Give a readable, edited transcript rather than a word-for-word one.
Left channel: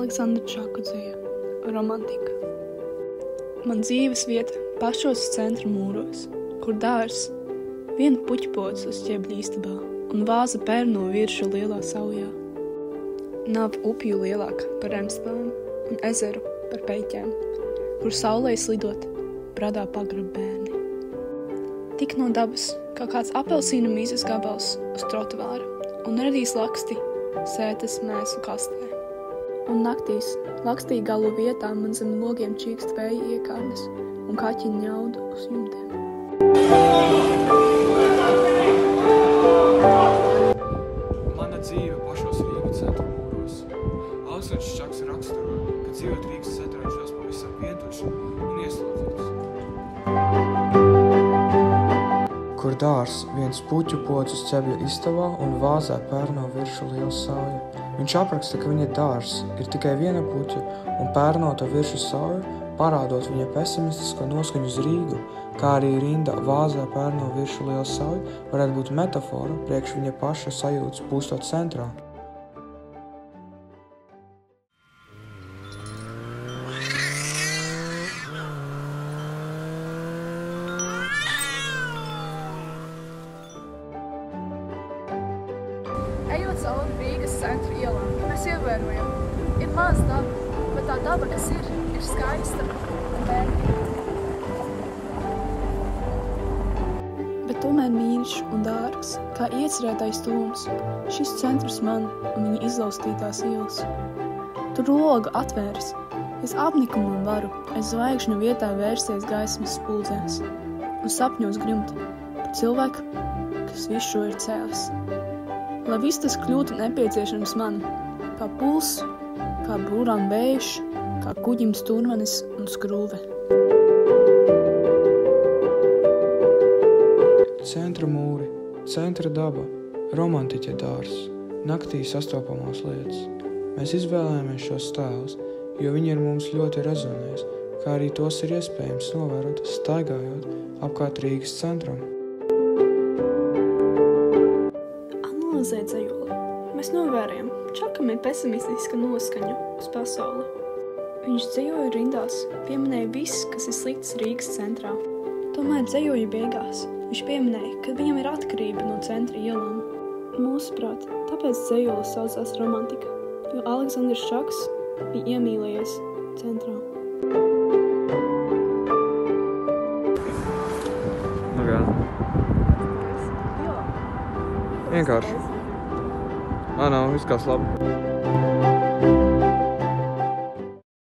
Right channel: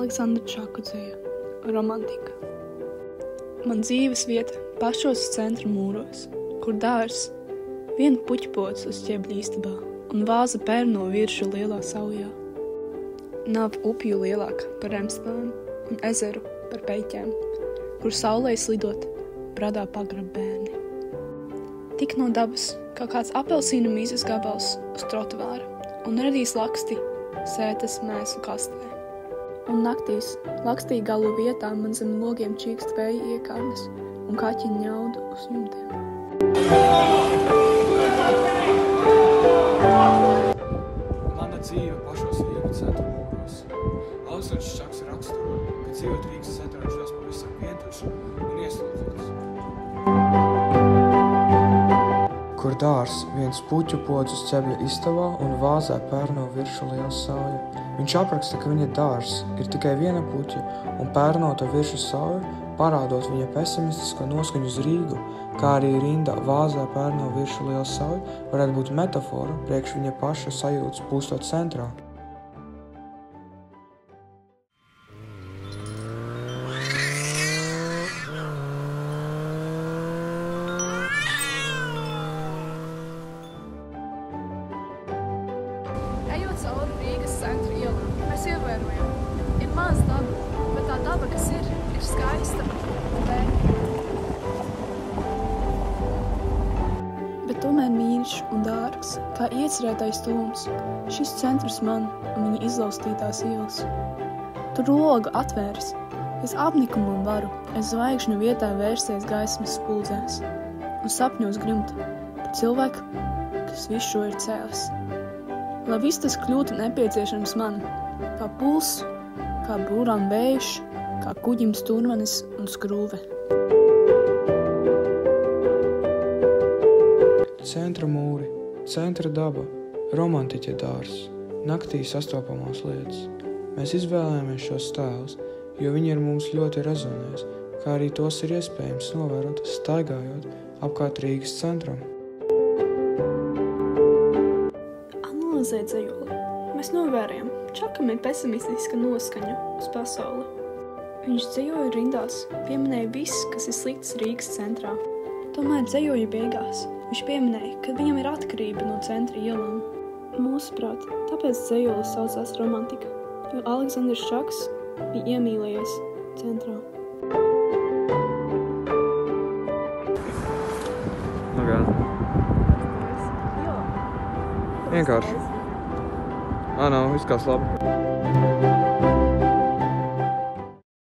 Aleksandra Čaku dzeja Romantika. Man dzīves vieta pašos centra mūros, kur dārs, viena puķpods uz ķebļa istabā un vāza pērno viršu lielā saujā. Nav upju lielāka par Remspēnu un ezeru par Peļķēm, kur saulē slidot bradā pagrab bērni. Tik no dabas, kā kāds apelsīnu mīzes gabals uz trotuāra un redīs laksti sētas mēsu kastē. Un naktīs lakstī galu vietā man zem logiem čīkst vēja iekārnes un kaķi ņaudu uz jumtiem. Mana dzīve pašos Rīgas centra mūros. Aleksandrs Čaks raksturo, ka dzīvot Rīgas centrā jūtas pavisam vientuļš un ieslodzīts. Kur dārs, viens puķu pods uz ķebļa istabā un vāzē pērno viršu liela sauja. Viņš apraksta, ka viņa dārs ir tikai viena puķa un pērnota viršu sauja, parādot viņa pesimistisko noskaņu uz Rīgu, kā arī rinda vāzē pērno viršu liela sauja varētu būt metafora priekš viņa paša sajūtas pūstot centrā. Ejot cauri Rīgas centra ielām, mēs ievērojam, ir maz daba, bet tā daba, kas ir skaista un vērtīga. Bet tomēr mīļš un dārgs, kā iecerētais tūms, šis centrs man un viņa izlaustītās ielas. Tur loga atvēras, es apnikumu un varu, es zvaigžņu vietā vērsties gaismas spuldzēs un sapņos grimt par cilvēku, kas visu šo ir cēlis. Lai viss tas kļūtu nepieciešams man, kā puls, kā būrām vējš, kā kuģim sturmanis un skrūve. Centra mūri, centra daba, romantiķa dārs, naktī sastopamās lietas. Mēs izvēlējāmies šos tēlus, jo viņi ar mums ļoti rezonēs, kā arī tos ir iespējams novērot, staigājot apkārt Rīgas centram. Analizēt dzejoli, mēs novērējam, Čakam ir pesimistiska noskaņa uz pasauli. Viņš dzejoja rindās, pieminēja viss, kas ir slikts Rīgas centrā. Tomēr dzejoja beigās. Viņš pieminēja, ka viņam ir atkarība no centra ielām. Mūsuprāt, tāpēc dzejoli saucās Romantika, jo Aleksandrs Čaks bija iemīlējies centrā. Nu kā? Vienkārši. Nav, viss kā labi.